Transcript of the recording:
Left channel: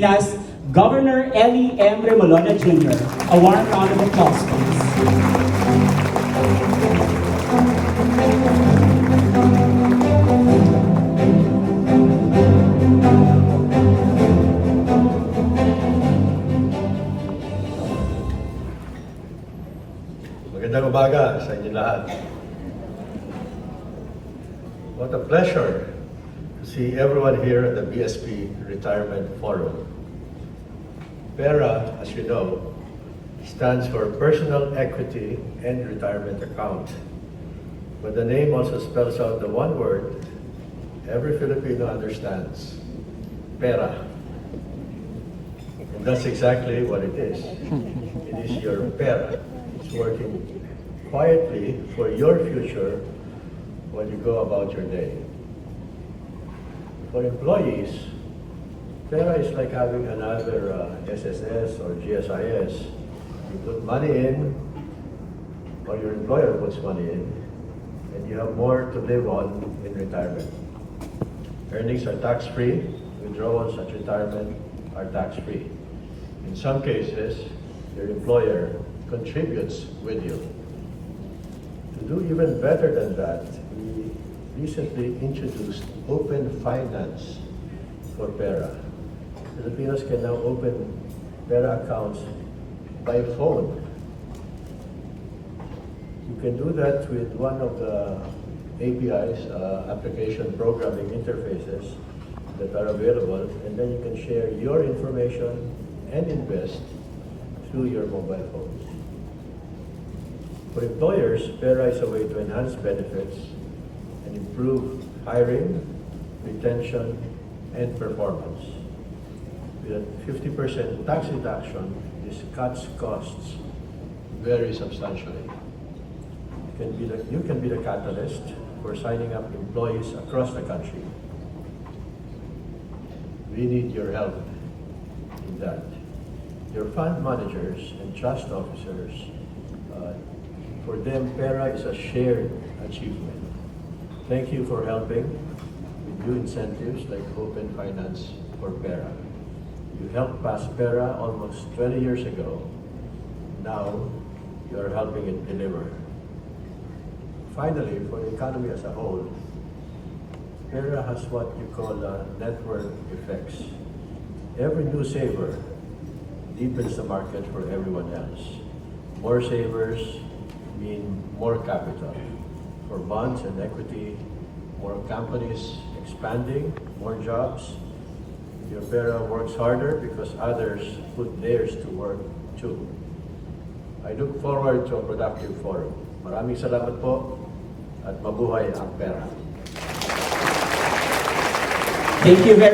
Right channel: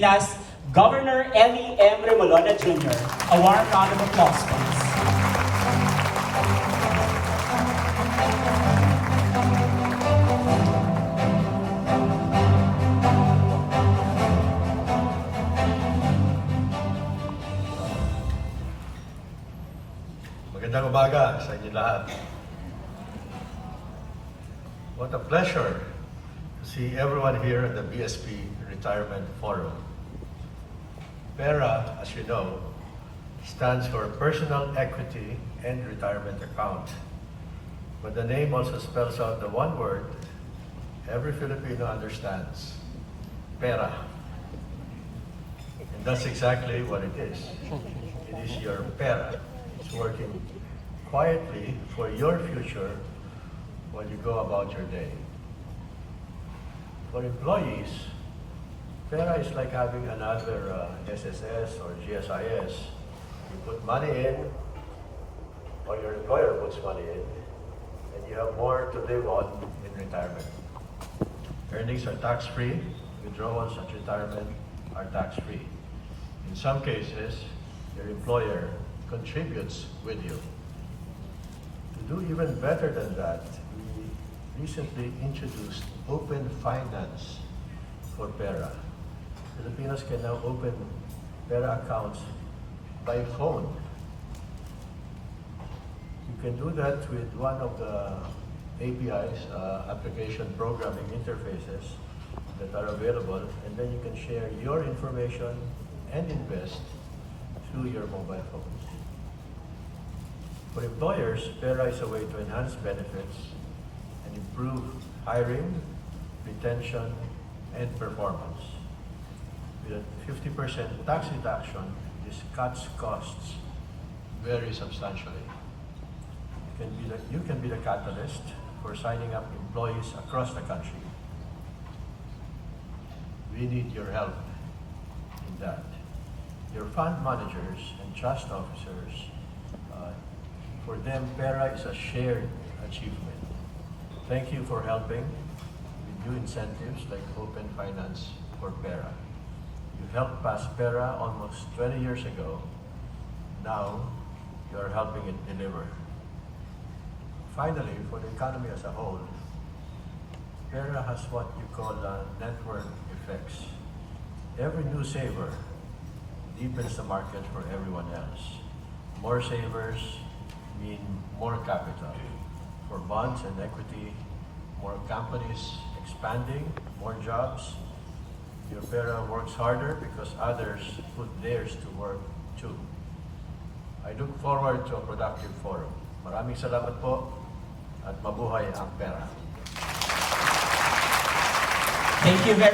Pilipinas, Governor Ellie M. Remolona Jr. A warm round of applause, please. Magandang umaga sa inyo lahat. What a pleasure to see everyone here at the BSP Retirement Forum. PERA, as you know, stands for Personal Equity and Retirement Account. But the name also spells out the one word every Filipino understands, PERA. And that's exactly what it is. It is your PERA. It's working quietly for your future when you go about your day. For employees, PERA is like having another SSS or GSIS. You put money in, or your employer puts money in, and you have more to live on in retirement. Earnings are tax-free, withdrawals at retirement are tax-free. In some cases, your employer contributes with you. To do even better than that, we recently introduced Open Finance for PERA. Filipinos can now open PERA accounts by phone. You can do that with one of the APIs, application programming interfaces that are available, and then you can share your information and invest through your mobile phones. For employers, PERA is a way to enhance benefits and improve hiring, retention, and performance. With a 50% tax deduction, this cuts costs very substantially. You can be the catalyst for signing up employees across the country. We need your help in that. Your fund managers and trust officers, for them, PERA is a shared achievement. Thank you for helping with new incentives like Open Finance for PERA. You helped pass PERA almost 20 years ago. Now, you are helping it deliver. Finally, for the economy as a whole, PERA has what you call network effects. Every new saver deepens the market for everyone else. More savers mean more capital. For bonds and equity, more companies expanding, more jobs. Your PERA works harder because others put theirs to work too. I look forward to a productive forum. Maraming salamat po at mabuhay ang PERA. Thank you very